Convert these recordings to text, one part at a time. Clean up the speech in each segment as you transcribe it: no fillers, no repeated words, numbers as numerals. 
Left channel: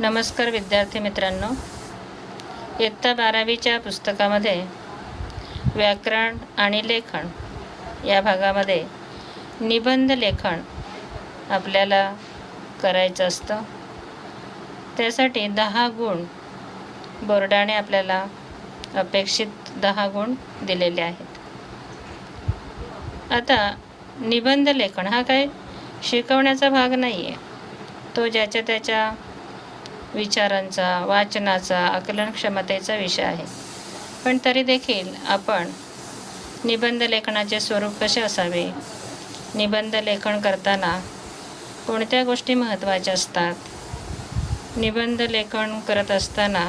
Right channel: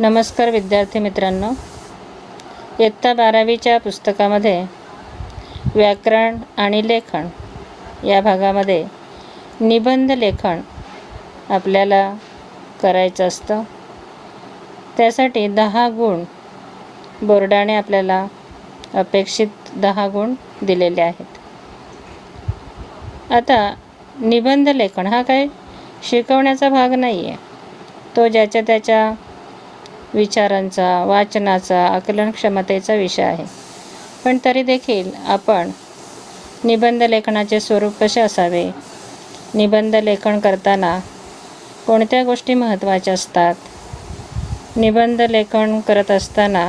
नमस्कार विद्यार्थी मित्रांनो, इयत्ता 12वीच्या पुस्तकामध्ये व्याकरण आणि लेखन या भागामध्ये निबंध लेखन आपल्याला करायचं असतं. त्यासाठी 10 गुण बोर्डाने आपल्याला अपेक्षित 10 गुण दिलेले आहेत. आता निबंध लेखन हा काही शिकवण्याचा भाग नाही आहे. तो ज्याच्या त्याच्या विचारांचा, वाचनाचा, आकलन क्षमतेचा विषय आहे. पण तरी देखील आपण निबंध लेखनाचे स्वरूप कसे असावे, निबंध लेखन करताना कोणत्या गोष्टी महत्त्वाच्या असतात, निबंध लेखन करत असताना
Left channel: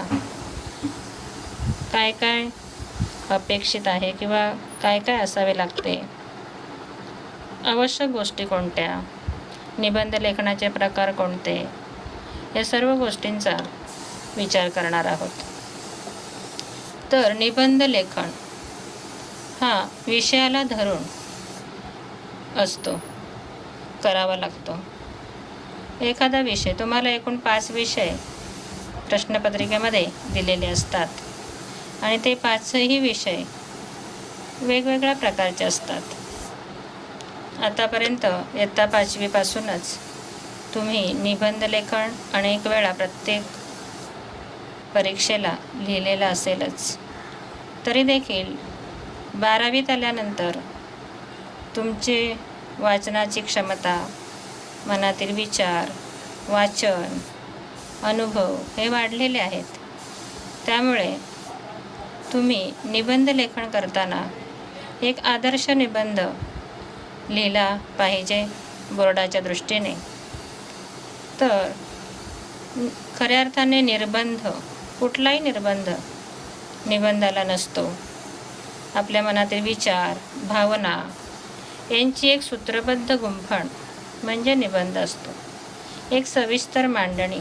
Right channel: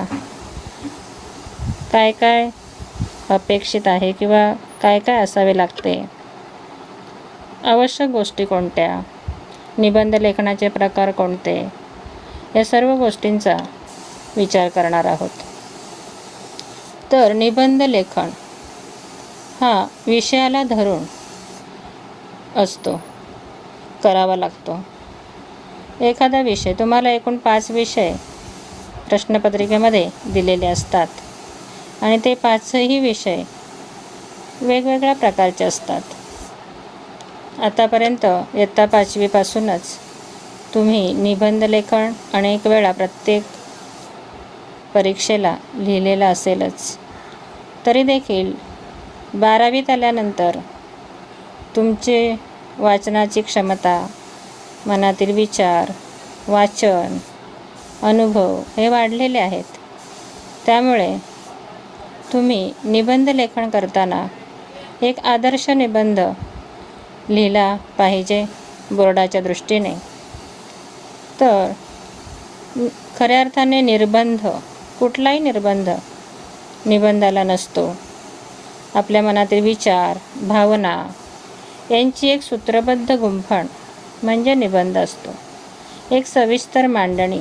काय काय अपेक्षित आहे किंवा काय काय असावे लागते, आवश्यक गोष्टी कोणत्या, निबंध लेखनाचे प्रकार कोणते, या सर्व गोष्टींचा विचार करणार आहोत. तर निबंध लेखन हा विषयाला धरून असतो, करावा लागतो. एखादा विषय, तुम्हाला एकूण 5 विषय प्रश्नपत्रिकेमध्ये दिलेले असतात आणि ते 5ही विषय वेगवेगळ्या प्रकारचे असतात. आतापर्यंत इयत्ता 5वीपासूनच तुम्ही निबंध लेखन अनेक वेळा प्रत्येक परीक्षेला लिहिलेलं असेलच. तरी देखील 12वीत आल्यानंतर तुमचे वाचनाची क्षमता, मनातील विचार, वाचन, अनुभव हे वाढलेले आहेत. त्यामुळे तुम्ही निबंध लेखन करताना एक आदर्श निबंध लिहिला पाहिजे बोर्डाच्या दृष्टीने. तर खऱ्या अर्थाने निर्बंध, कुठलाही निर्बंध निबंधाला नसतो. आपल्या मनातील विचार, भावना यांची एक सूत्रबद्ध गुंफण म्हणजे निबंध असतो. एक सविस्तर मांडणी,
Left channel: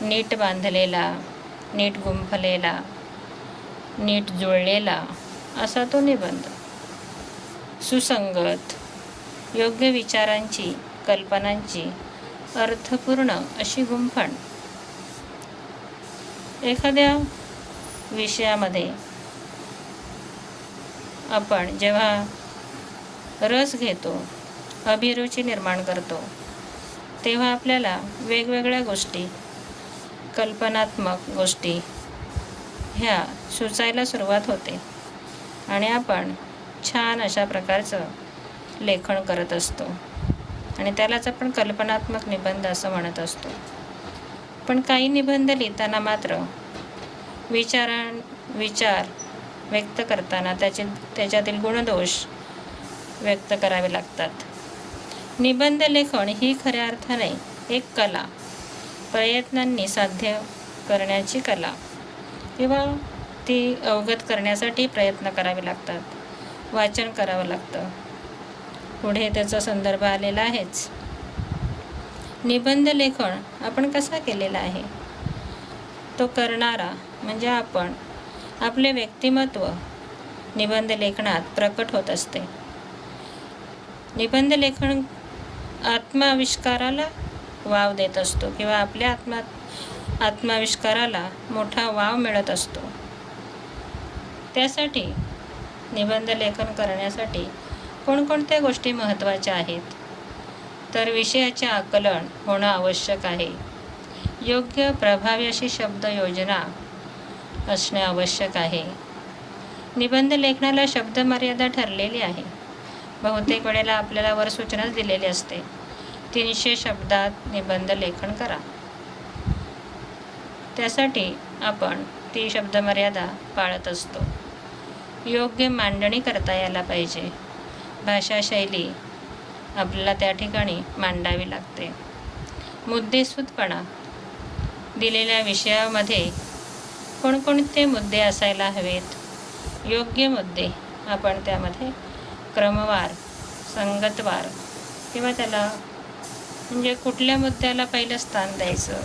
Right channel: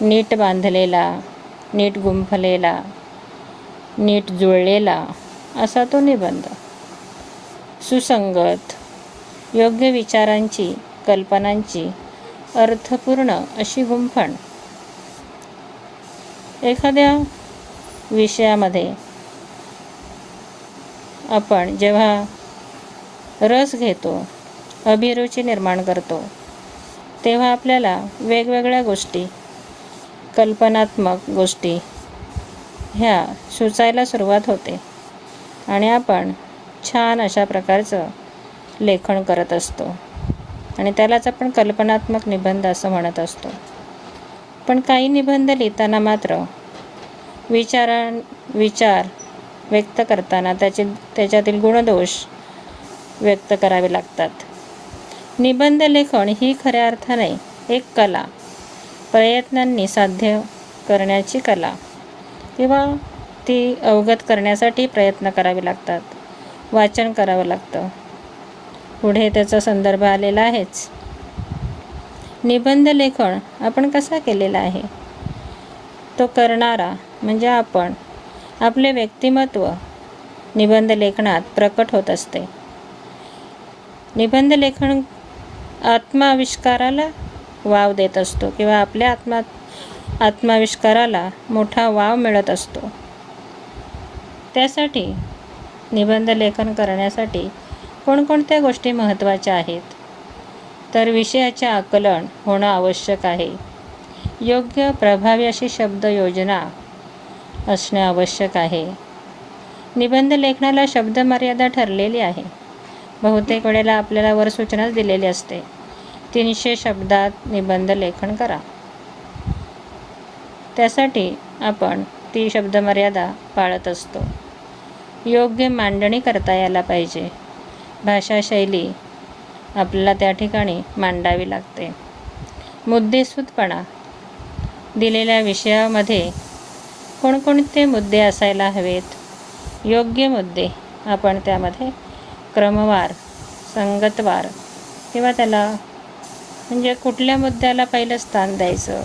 नीट बांधलेला, नीट गुंफलेला, नीट जुळलेला असा तो निबंध. सुसंगत, योग्य विचारांची, कल्पनांची अर्थपूर्ण अशी गुंफण. एखाद्या विषयामध्ये आपण जेव्हा रस घेतो, अभिरुची निर्माण करतो, तेव्हा आपल्याला वेगवेगळ्या गोष्टी, कल्पनात्मक गोष्टी ह्या सुचायला सुरुवात होते आणि आपण छान अशा प्रकारचं लेखन करत असतो आणि त्यालाच आपण कल्पनात्मक निबंध असं म्हणत असतो. पण काही निबंध लिहिताना मात्र विचार व्यक्त करताना त्याच्यातील गुणदोष व्यक्त करावे लागतात. निबंध लेखन ही खऱ्या अर्थाने एक कला, प्रयत्नांनी साध्य करण्याची कला किंवा ती अवगत करण्यासाठी प्रयत्न करावे लागतात, वाचन करावं लागतं. पुढे त्याचा संदर्भ आलेला आहेच. निबंध लेखन आपण कसा केलेला आहे, तो करणारा म्हणजे आपण, आपले व्यक्तिमत्व निबंध लेखनात प्रकट होत असते. निबंध लेखन आत्माविष्काराला वाव देत असतो किंवा आपल्या आत्माविष्काराला मोठा वाव मिळत असतो. त्यासाठी निबंध लेखन करण्यासाठी कोणकोणत्या गोष्टी महत्त्वाच्या आहेत, तर विषयाचे आकलन होणं आवश्यक आहे. योग्य प्रभावी अशी शब्द योजना असणे आवश्यक आहे. निबंध लेखनाला शब्द मर्यादा ठरलेली आहे. बहुतेक वेळेला आपल्याला वर सूचनाच दिलेली असते, 300 शब्दात निबंध लेखन करा. त्यासाठी आपण ती शब्द मर्यादा पाळत असतो. योग्य मांडणी करता यायला पाहिजे. भाषाशैली आपल्याला त्या ठिकाणी मांडावी लागते. मुद्देसूदपणा, दिलेल्या विषयामध्ये कोणकोणते मुद्दे असायला हवेत, योग्य मुद्दे आपण त्यामध्ये क्रमवार, संगतवार किंवा त्याला म्हणजे कुठल्या मुद्द्याला पहिलं स्थान द्यायचं,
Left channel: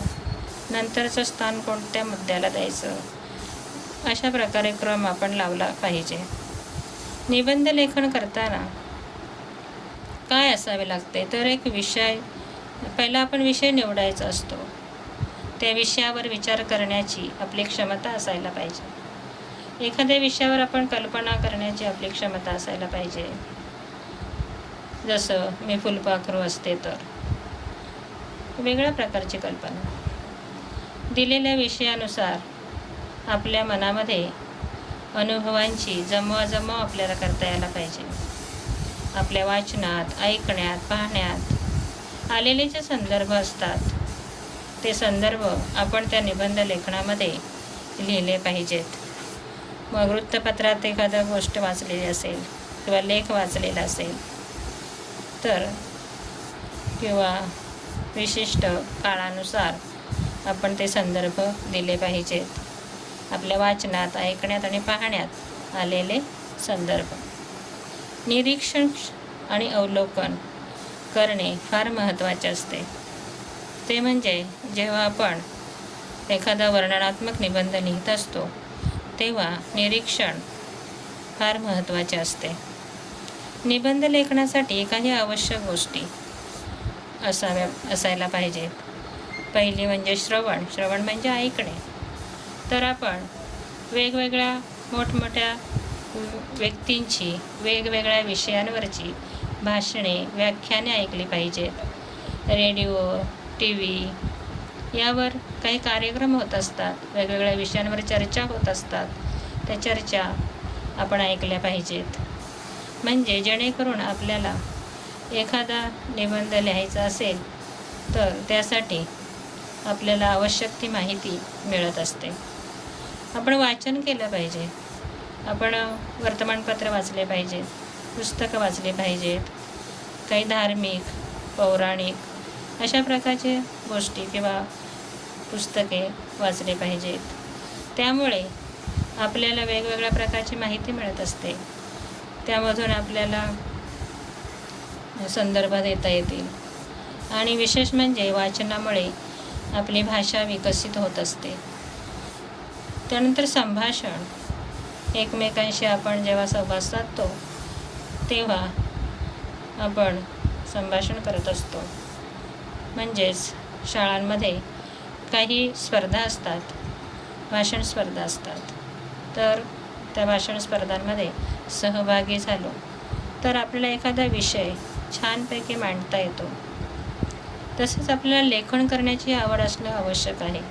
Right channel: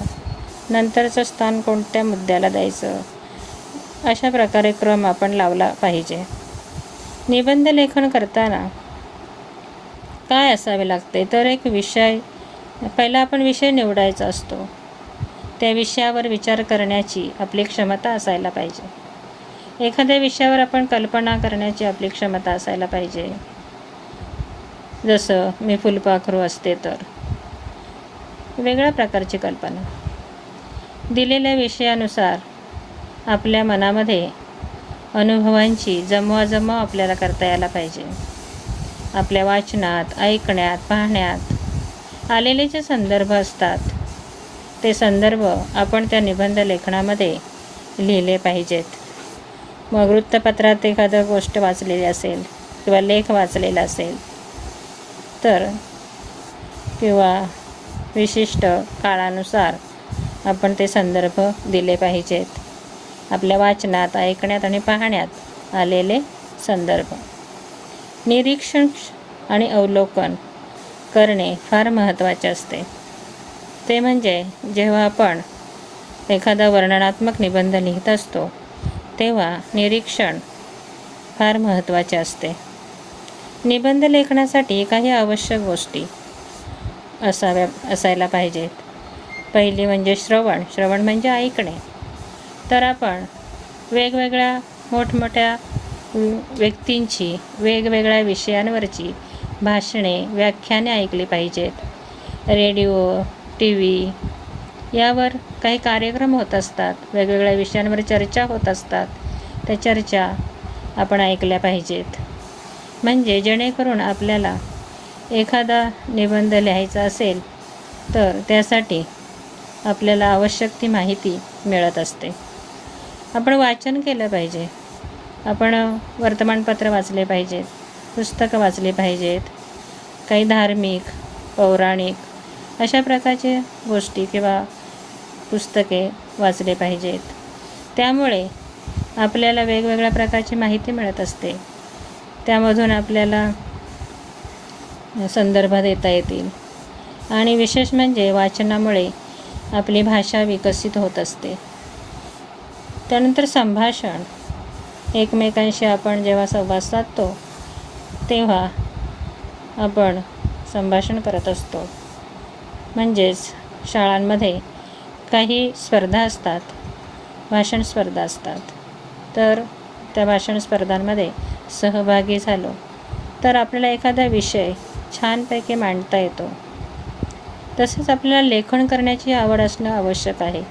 नंतरचं स्थान कोणत्या मुद्द्याला द्यायचं, अशा प्रकारे क्रम आपण लावला पाहिजे. निबंध लेखन करताना काय असावे लागते, तर एक विषय, पहिला आपण विषय निवडायचा असतो. त्या विषयावर विचार करण्याची आपली क्षमता असायला पाहिजे. एखाद्या विषयावर आपण कल्पना करण्याची आपली क्षमता असायला पाहिजे. जसं मी फुलपाखरू असते तर, वेगळ्या प्रकारची कल्पना. दिलेल्या विषयानुसार आपल्या मनामध्ये अनुभवांची जमवाजमव आपल्याला करता यायला पाहिजे. आपल्या वाचनात, ऐकण्यात, पाहण्यात आलेले जे संदर्भ असतात ते संदर्भ आपण त्या निबंध लेखनामध्ये लिहिले पाहिजेत. मग वृत्तपत्रात एखादं गोष्ट वाचलेली असेल किंवा लेख वाचलेला असेल तर, किंवा विशिष्ट काळानुसार आपण ते संदर्भ दिले पाहिजेत. आपल्या वाचनात, ऐकण्यात आणि पाहण्यात आलेले संदर्भ. निरीक्षण आणि अवलोकन करणे फार महत्त्वाचे असते. ते म्हणजे जेव्हा आपण एखादा वर्णनात्मक निबंध लिहित असतो तेव्हा निरीक्षण फार महत्त्वाचे असते. निबंध लेखनासाठी काही आवश्यक गोष्टी असायला पाहिजेत. पहिली म्हणजे श्रवण म्हणजे ऐकणे. तर आपण वेगवेगळ्या मोठमोठ्या व्यक्तींची, वेगवेगळ्या विषयांवरची भाषणे, व्याख्याने ऐकली पाहिजेत. रेडिओ, TV यावर काही कार्यक्रम होत असतात, वेगवेगळ्या विषयांवर चर्चा होत असतात. त्या चर्चा आपण ऐकल्या पाहिजेत. म्हणजे जेणेकरून आपल्याला एखादा निबंध लिहायचा असेल तर त्यासाठी आपल्याला आवश्यक ती माहिती मिळत असते. आपण वाचन केलं पाहिजे. आपण वर्तमानपत्र वाचले पाहिजेत, पुस्तकं वाचली पाहिजेत, काही धार्मिक, पौराणिक अशा प्रकारचे गोष्टी किंवा पुस्तके वाचले पाहिजेत. त्यामुळे आपल्याला वेगवेगळ्या प्रकारची माहिती मिळत असते. त्यामधून आपल्याला संदर्भ देता येतील. आणि विशेष म्हणजे वाचनामुळे आपली भाषा विकसित होत असते. त्यानंतर संभाषण. एकमेकांशी आपण जेव्हा संवाद साधतो तेव्हा आपण संभाषण करत असतो. म्हणजेच शाळांमध्ये काही स्पर्धा असतात, भाषण स्पर्धा असतात. तर त्या भाषण स्पर्धांमध्ये सहभागी झालो तर आपल्याला एखादा विषय छानपैकी मांडता येतो. तसेच आपल्याला लेखन करण्याची आवड असणं आवश्यक आहे.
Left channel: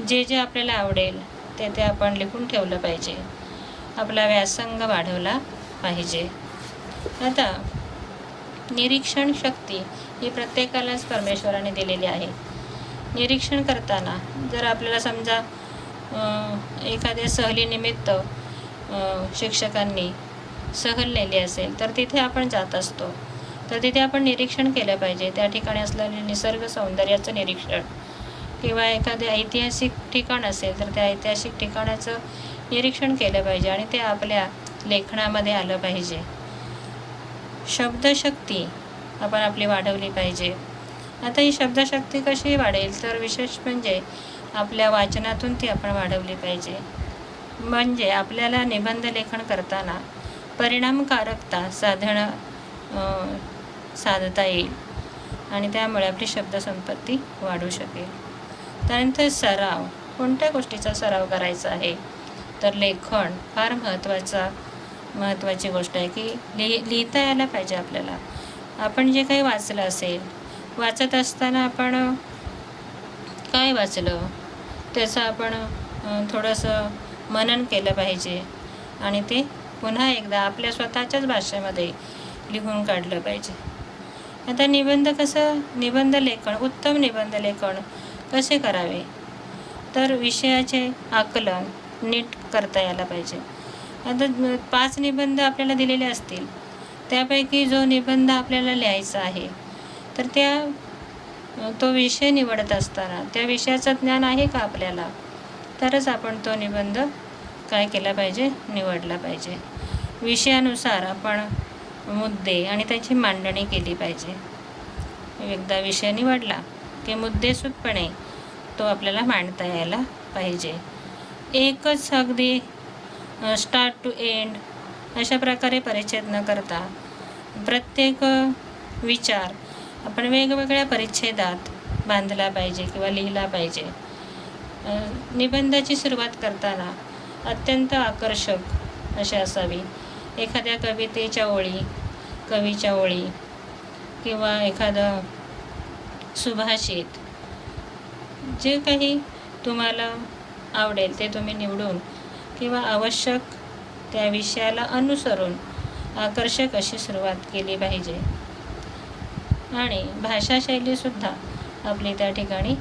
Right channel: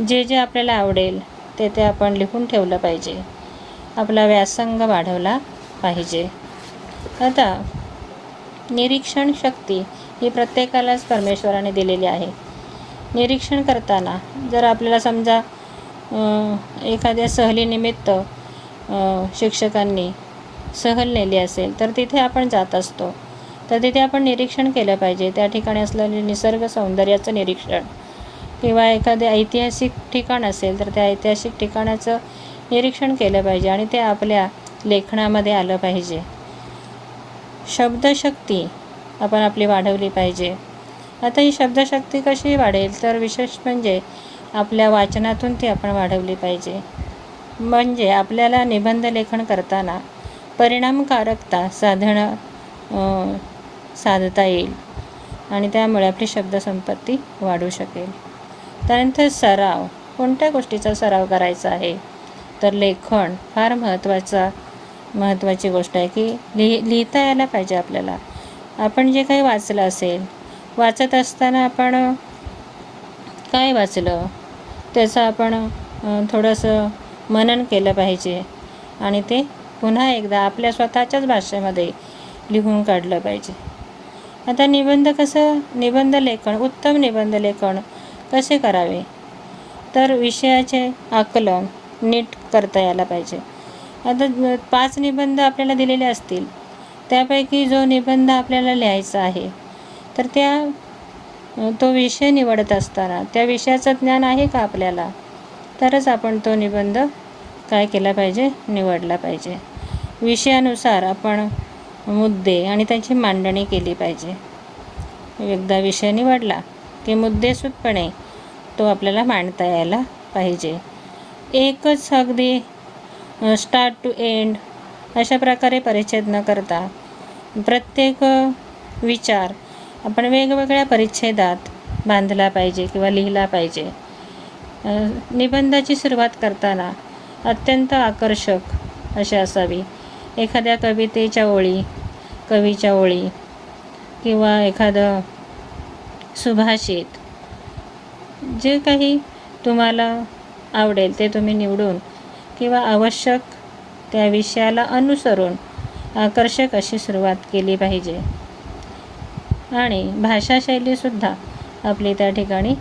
जे जे आपल्याला आवडेल ते आपण लिहून ठेवलं पाहिजे. आपला व्यासंग वाढवला पाहिजे. आता निरीक्षण शक्ती ही प्रत्येकालाच परमेश्वराने दिलेली आहे. निरीक्षण करताना जर आपल्याला समजा एखाद्या सहलीनिमित्त शिक्षकांनी सहल नेली असेल तर तिथे आपण जात असतो. तर तिथे आपण निरीक्षण केलं पाहिजे. त्या ठिकाणी असलेले निसर्ग सौंदर्याचं निरीक्षण, किंवा एखादे ऐतिहासिक ठिकाण असेल तर त्या ऐतिहासिक ठिकाणाचं निरीक्षण केलं पाहिजे आणि ते आपल्या लेखनामध्ये आलं पाहिजे. शब्दशक्ती आपण आपली वाढवली पाहिजे. आता ही शब्दशक्ती कशी वाढेल तर विशेष म्हणजे आपल्या वाचनातून ती आपण वाढवली पाहिजे. म्हणजे आपल्याला निबंध लेखन करताना परिणामकारकता साधता येईल आणि त्यामुळे आपली शब्दसंपत्ती वाढू शकेल. त्यानंतर सराव. कोणत्या गोष्टीचा सराव करायचा आहे तर लेखन फार महत्त्वाची गोष्ट आहे की लिहिता यायला पाहिजे आपल्याला. आपण जे काही वाचलं असेल, वाचत असताना आपण काय वाचलं त्याचं आपण थोडंसं मनन केलं पाहिजे आणि ते पुन्हा एकदा आपल्या स्वतःच्याच भाषेमध्ये लिहून काढलं पाहिजे. आता निबंध लेखन, उत्तम निबंध लेखन कसे करावे तर विषयाचे आकलन नीट करता यायला पाहिजे. आता 5 निबंध आपल्याला दिलेले असतील, त्यापैकी जो निबंध आपल्याला लिहायचा आहे तर तो विषय निवडत असताना त्या विषयाचं ज्ञान आहे का आपल्याला, तरच आपण तो निबंध काय केला पाहिजे, निवडला पाहिजे. विषयानुसार आपण मुद्दे आणि त्याची मांडणी केली पाहिजे. एकदा विषय निवडला की मुद्देसूदपणे तो आपल्याला मांडता यायला पाहिजे. एकच अगदी स्टार्ट टू एंड अशा प्रकारे परिच्छेद न करता प्रत्येक विचार आपण वेगवेगळ्या परिच्छेदात बांधला पाहिजे किंवा लिहिला पाहिजे. निबंधाची सुरुवात करताना अत्यंत आकर्षक अशी असावी. एखाद्या कवितेच्या ओळी, कवीच्या ओळी किंवा एखादं सुभाषित, जे काही तुम्हाला आवडेल ते तुम्ही निवडून किंवा आवश्यक त्या विषयाला अनुसरून आकर्षक अशी सुरुवात केली पाहिजे. आणि भाषाशैलीसुद्धा आपली त्या ठिकाणी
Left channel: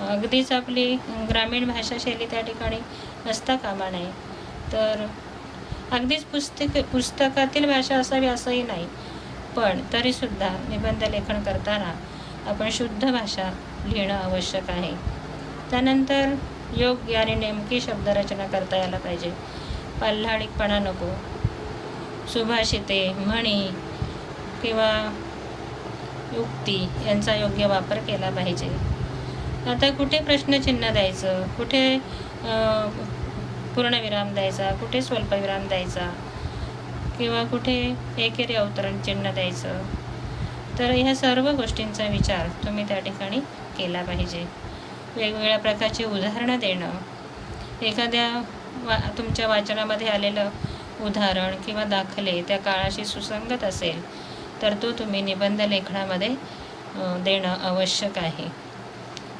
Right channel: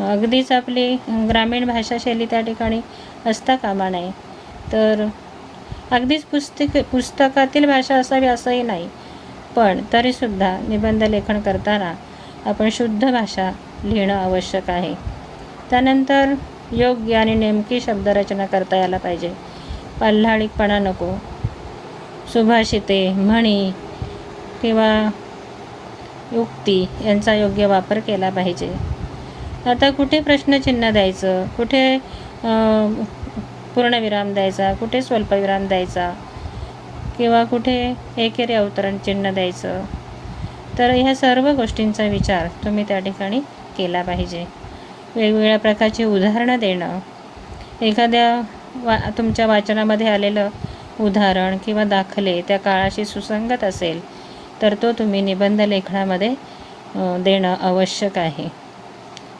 अगदीच आपली ग्रामीण भाषाशैली त्या ठिकाणी असता कामा नये. तर अगदीच पुस्तकातील भाषा असावी असंही नाही, पण तरीसुद्धा निबंध लेखन करताना आपण शुद्ध भाषा लिहिणं आवश्यक आहे. त्यानंतर योग्य आणि नेमकी शब्दरचना करता यायला पाहिजे. पाल्हाळीकपणा नको. सुभाषिते, म्हणी किंवा युक्ती यांचा योग्य वापर केला पाहिजे. आता कुठे प्रश्नचिन्ह द्यायचं, कुठे पूर्णविराम द्यायचा, कुठे स्वल्पविराम द्यायचा किंवा कुठे एकेरी अवतरण चिन्ह द्यायचं, तर ह्या सर्व गोष्टींचा विचार तुम्ही त्या ठिकाणी केला पाहिजे. वेगवेगळ्या प्रकारची उदाहरणं देणं, एखाद्या तुमच्या वाचनामध्ये आलेलं उदाहरण किंवा दाखले त्या काळाशी सुसंगत असेल तर तो तुम्ही निबंध लेखनामध्ये देणं आवश्यक आहे.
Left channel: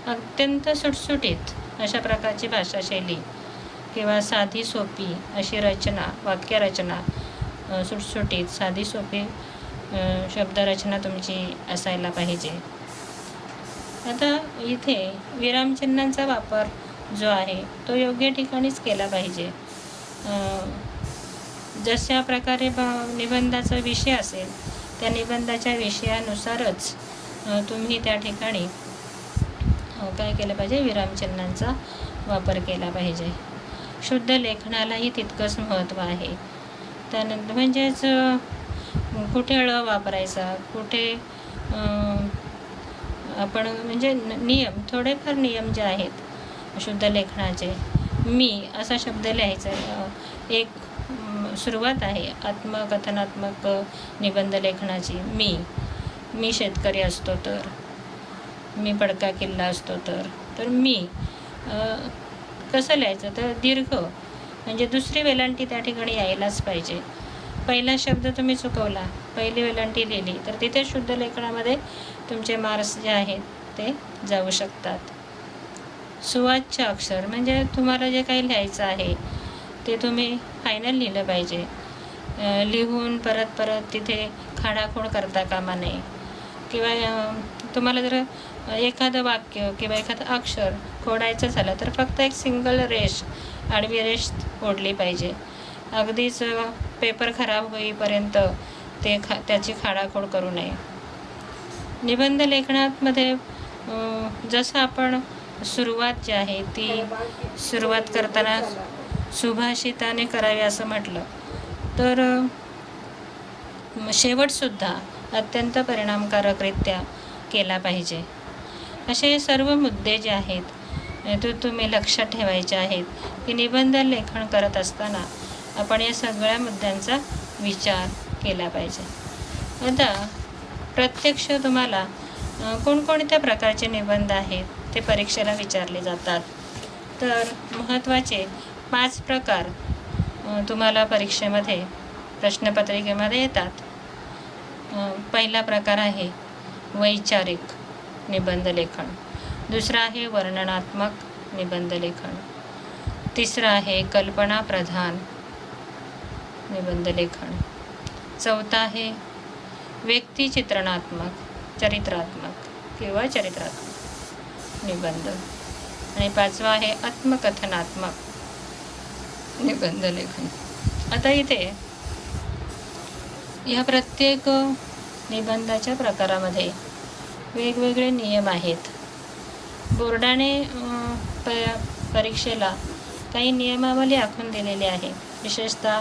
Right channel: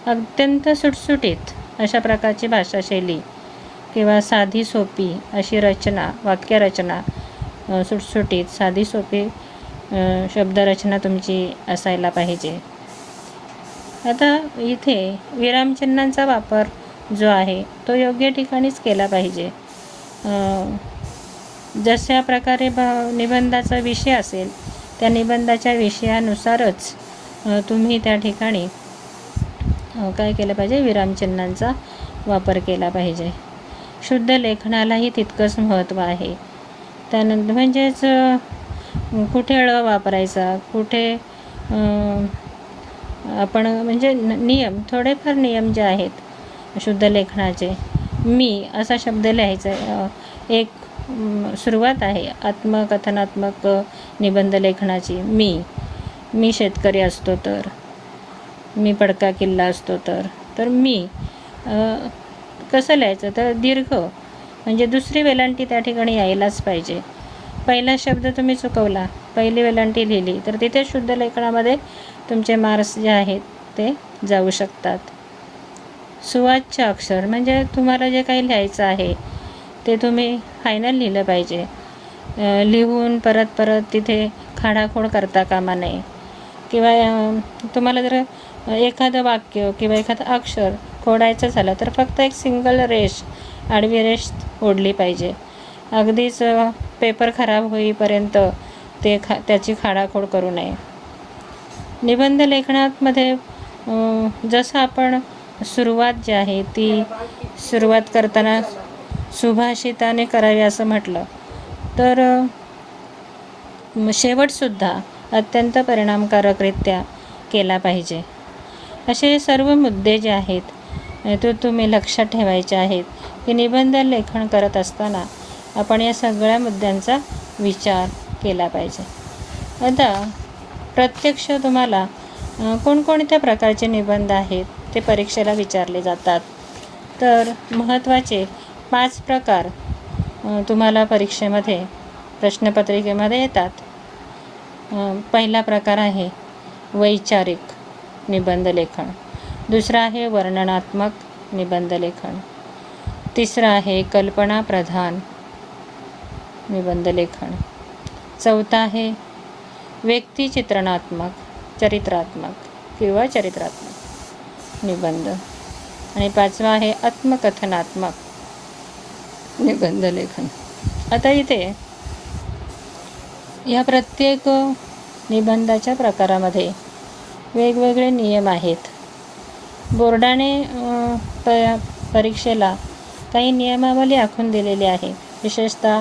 अत्यंत सुटसुटीत अशा प्रकारची भाषाशैली किंवा साधी सोपी अशी रचना, वाक्यरचना, सुटसुटीत साधी सोपी शब्दरचना तुमची असायला पाहिजे. आता इथे विरामचिन्हांचा वापर जो आहे तो योग्य ठिकाणीच केला पाहिजे. जशा प्रकारे निबंधाचा विषय असेल त्या निबंधाच्या विषयानुसारच तुम्ही त्या ठिकाणी काय केलं पाहिजे, विरामचिन्हांचा वापर केला पाहिजे. शुद्ध लेखनालाही तितकंच महत्त्व आहे. त्यानंतर म्हणजेच कुठे ळ वापरायचा, कुठे आपण म्हणजे नियम, थोडेफार नियम जे आहेत शुद्ध लेखनाचे. मी असा शब्द लिहायचा. एक सुरुवात आहे आत्मकथनात्मक निबंध लेखनाची. मी शेतकरी असतो तर, मी पडका किल्ला असतो तर मी कसं लिहायचं, तर दीर्घ म्हणजे दुसरी वेलांटी त्या ठिकाणी यायलाच पाहिजे. पहिला शब्द तुम्ही चुकवला, पहिली वेलांटी लिहिली तर तिथे शुद्ध लेखनामध्ये तुमचे मार्क्स जे आहेत ते जाऊ शकतात. सुवाच्य अक्षर म्हणजे तुम्हाला जे काही लिहायचं आहे ते तुम्ही फायनल लिहिलं पाहिजे. लिहून परत तिथे खाडाखोड करता कामा नये. किंवा तुम्हाला जर एखादं वाक्य किंवा एखादं अक्षर खोडायचं झालं तर फक्त एक सिंगल रेष, आडवी रेष ओढली पाहिजे. अगदीच पेपर खराब होईपर्यंत त्याची खाडाखोड करू नये. निबंध लेखनामध्ये जसं आपण सुरुवात जी आहे ती सुरुवात करताना सुभाषिताने करावी असं म्हटलं तर शेवटसुद्धा अत्यंत परिणामकारकरित्या केला पाहिजे. असे सर्व मुद्दे जे आहेत ते तुम्ही लक्षात ठेवायचे आहेत की निबंध लेखन करत असताना आपण या सगळ्या मुद्द्यांचा विचार केला पाहिजे. आता प्रत्यक्ष तुम्हाला कोणकोणत्या प्रकारचे निबंध आहेत ते परीक्षेला विचारले जातात. तर महत्त्वाचे 5 प्रकार तुम्हाला परीक्षेमध्ये प्रश्नपत्रिकेमध्ये येतात. पहिला प्रकार आहे वैचारिक निबंध लेखन. दुसरा आहे वर्णनात्मक निबंध लेखन. तिसरा आहे कल्पनाप्रधान निबंध लेखन. चौथा आहे व्यक्तिचित्रणात्मक, चरित्रात्मक किंवा चरित्रात्मक निबंध. आणि 5वा आहे आत्मकथनात्मक निबंध लेखन. आता इथे या प्रत्येक निबंधाच्या प्रकारामध्ये वेगवेगळे नियम आहेत. बोर्डाने परीक्षेला काही नियमावली आखून दिलेली आहे. विशेषतः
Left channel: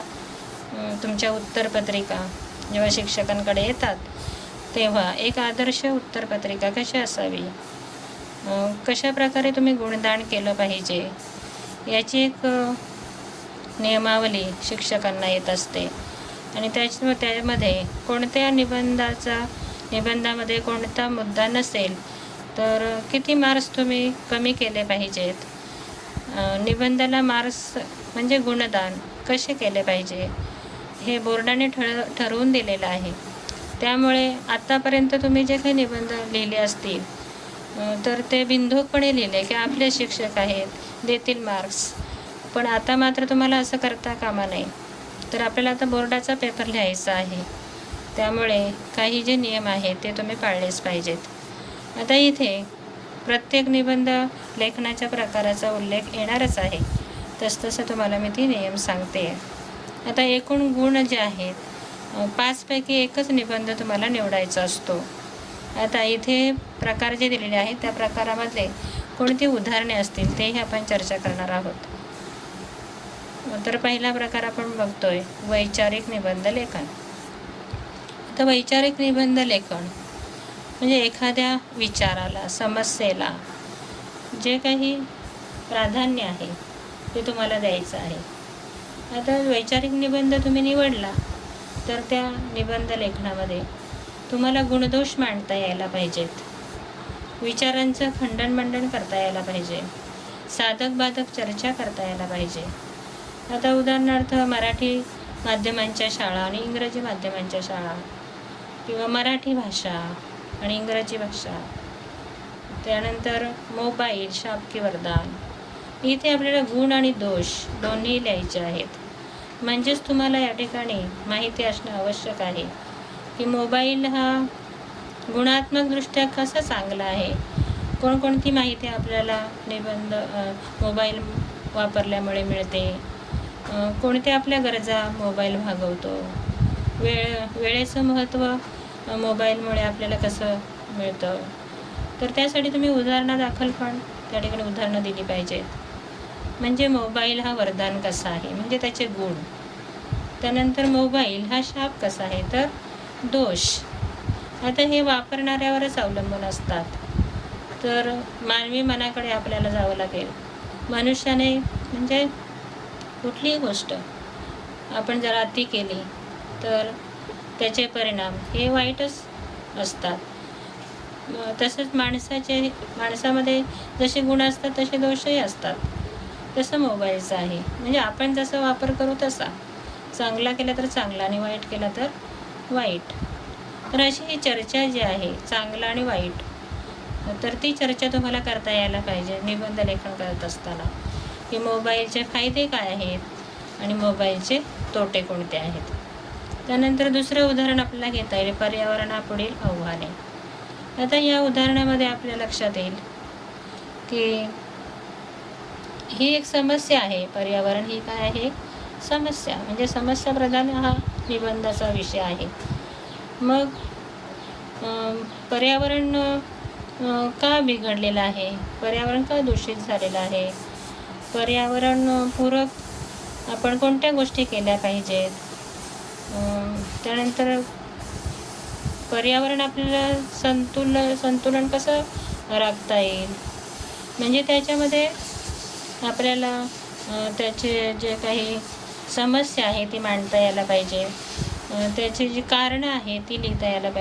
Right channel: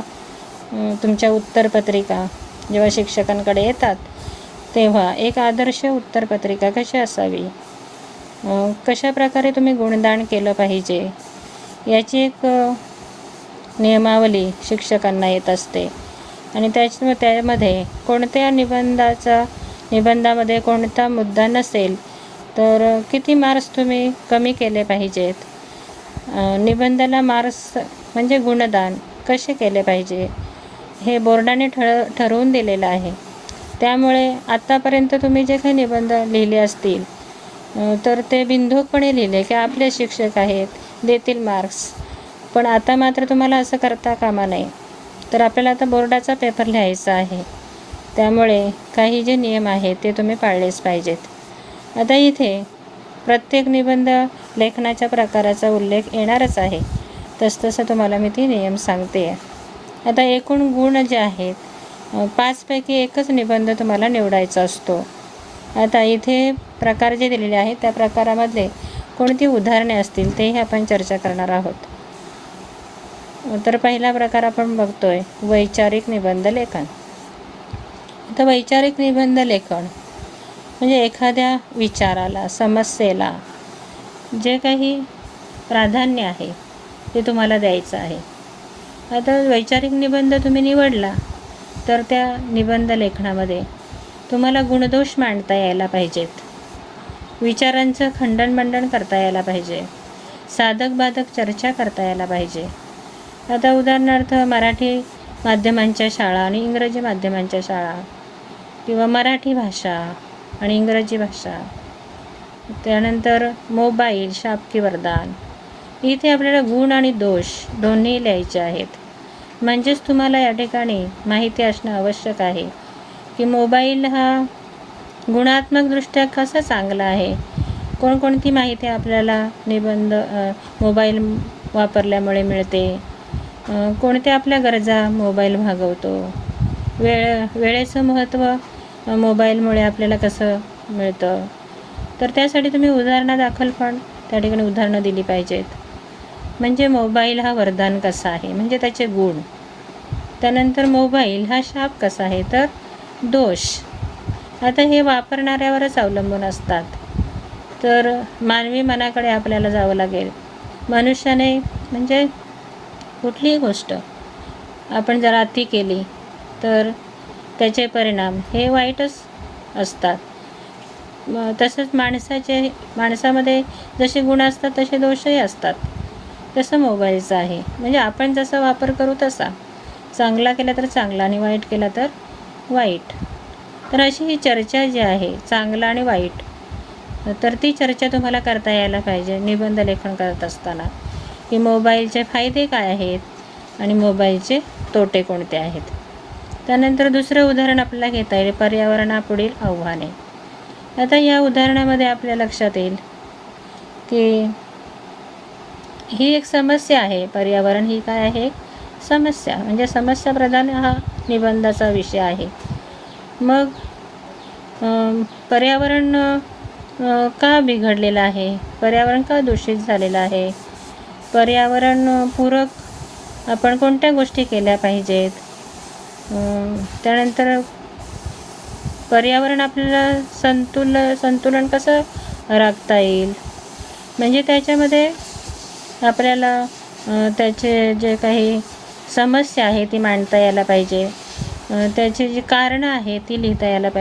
तुमच्या उत्तरपत्रिका जेव्हा शिक्षकांकडे येतात तेव्हा एक आदर्श उत्तरपत्रिका कशी असावी, कशा प्रकारे तुम्ही गुणदान केलं पाहिजे याची एक नियमावली शिक्षकांना येत असते. आणि त्यामध्ये कोणत्या निबंधामध्ये कोणता मुद्दा नसेल तर किती मार्क्स तुम्ही कमी केले पाहिजेत, निबंधाला मार्क्स म्हणजे गुणदान कसे केले पाहिजे हे बोर्डाने ठरवून दिलेलं आहे. त्यामुळे आत्तापर्यंत तुम्ही जे काही निबंध लिहिले असतील तर ते बिनधोकपणे लिहिले की आपले शिक्षक आहेत देतील मार्क्स, पण आता मात्र तुम्हाला असं करता कामा नये. तर आपल्याला आता बोर्डाचा पेपर लिहायचा आहे, त्यामुळे काही जे नियम आहेत ते तुम्ही पाळलेच पाहिजेत. आता इथे प्रत्येक निबंध लेखनाच्या प्रकाराचा उल्लेख येणारच आहे, तसतसं तुम्हाला मी ती नियम सांगते. आता एकूण गुण जे आहेत 5 पैकी एकच निबंध तुम्हाला निवडायचा असतो. आता इथे प्रकार जे दिलेले आहेत त्या प्रकारामधले कोणती उदाहरणे असतील तेही आपण चर्चा करणार आहोत. तर पहिला प्रकार आपण बघतोय वैचारिक निबंध लेखन. आता वैचारिक निबंध लेखन म्हणजे एखाद्या विचाराला, समस्येला जे काही प्राधान्य आहे ते तुम्हाला द्यायचं आहे. आता वैचारिक निबंध तुम्ही निवडला तर त्या निबंध लेखनामध्ये तुम्हाला गुणदोष मांडता यायला पाहिजेत, विचारांचं खंडन करता यायला पाहिजे, साधक बाधक चर्चा करता यायला पाहिजे. आता उदाहरणार्थ मराठी माध्यमांच्या शाळा आणि इंग्रजी माध्यमांच्या शाळा, किंवा मराठी भाषा आणि इंग्रजी भाषा, त्यानंतर मोबाईल, शाप की वरदान, इथे आपल्याला गुण आणि दोष दोन्ही लिहायचे आहेत. म्हणजेच तुम्हाला या ठिकाणी माहिती असणं आवश्यक आहे की मोबाईल हा गुणात्मकदृष्ट्या कसा चांगला आहे, कोणकोणती माहिती आपल्याला निबंध मोबाईल वापरल्यामुळे मिळते, कोणत्या आपल्या गरजा मोबाईल भागवतो, वेळेचं महत्त्व मोबाईलमुळे आपल्याला कसं मिळतं. तर त्यासाठी तुम्ही उदाहरणादाखल पण त्या ठिकाणी उदाहरणं दिली पाहिजेत. म्हणजे मोबाईल हा वरदान कसा आहे म्हणजे त्याचे गुण, त्यानंतर मोबाईल हा शाप कसा आहे तर दोष. आता हे वापरणाऱ्यावरच अवलंबून असतात. तर मानवी मनाकडे आपल्याला जावं लागेल. मनुष्याने म्हणजे कुठलीही गोष्ट आपण जर अति केली तर त्याचे परिणाम हे वाईटच असतात. तसंच माणसामध्ये जसे गुण असतात तसे दोषही असतात. तसं मोबाईलचं आहे, म्हणजे आपण जसा वापर करू तसा, चांगला केला तर चांगला आणि वाईट केला तर वाईट. तर अशी ही चर्चा जी आहे चांगला आणि वाईट, तर ती चर्चा तुम्हाला करता यायला पाहिजे निबंध लेखन करत असताना, की मोबाईलचे फायदे काय आहेत आणि मोबाईलचे तोटे कोणते आहेत. त्यानंतर दुसरं उदाहरण आपल्याला घेता येईल पर्यावरणापुढील आव्हाने. आता या उदाहरणामध्ये आपल्या लक्षात येईल की ही एक समस्या आहे. पर्यावरण ही काय आहे, समस्या, म्हणजे समस्या प्रधान हा निबंधाचा विषय आहे. मग पर्यावरण का बिघडलेलं आहे, पर्यावरण का दूषित झालेलं आहे, पर्यावरण पूरक आपण कोणत्या गोष्टी केल्या पाहिजेत, त्यानंतर पर्यावरण आपल्याला संतुलन कसं राखता येईल, म्हणजे त्याच्यामध्ये आपल्याला त्याचे जे काही समस्या आहे ती मांडता यायला पाहिजे, त्याची जी कारणं आहे ती लिहिता यायला पाहिजे.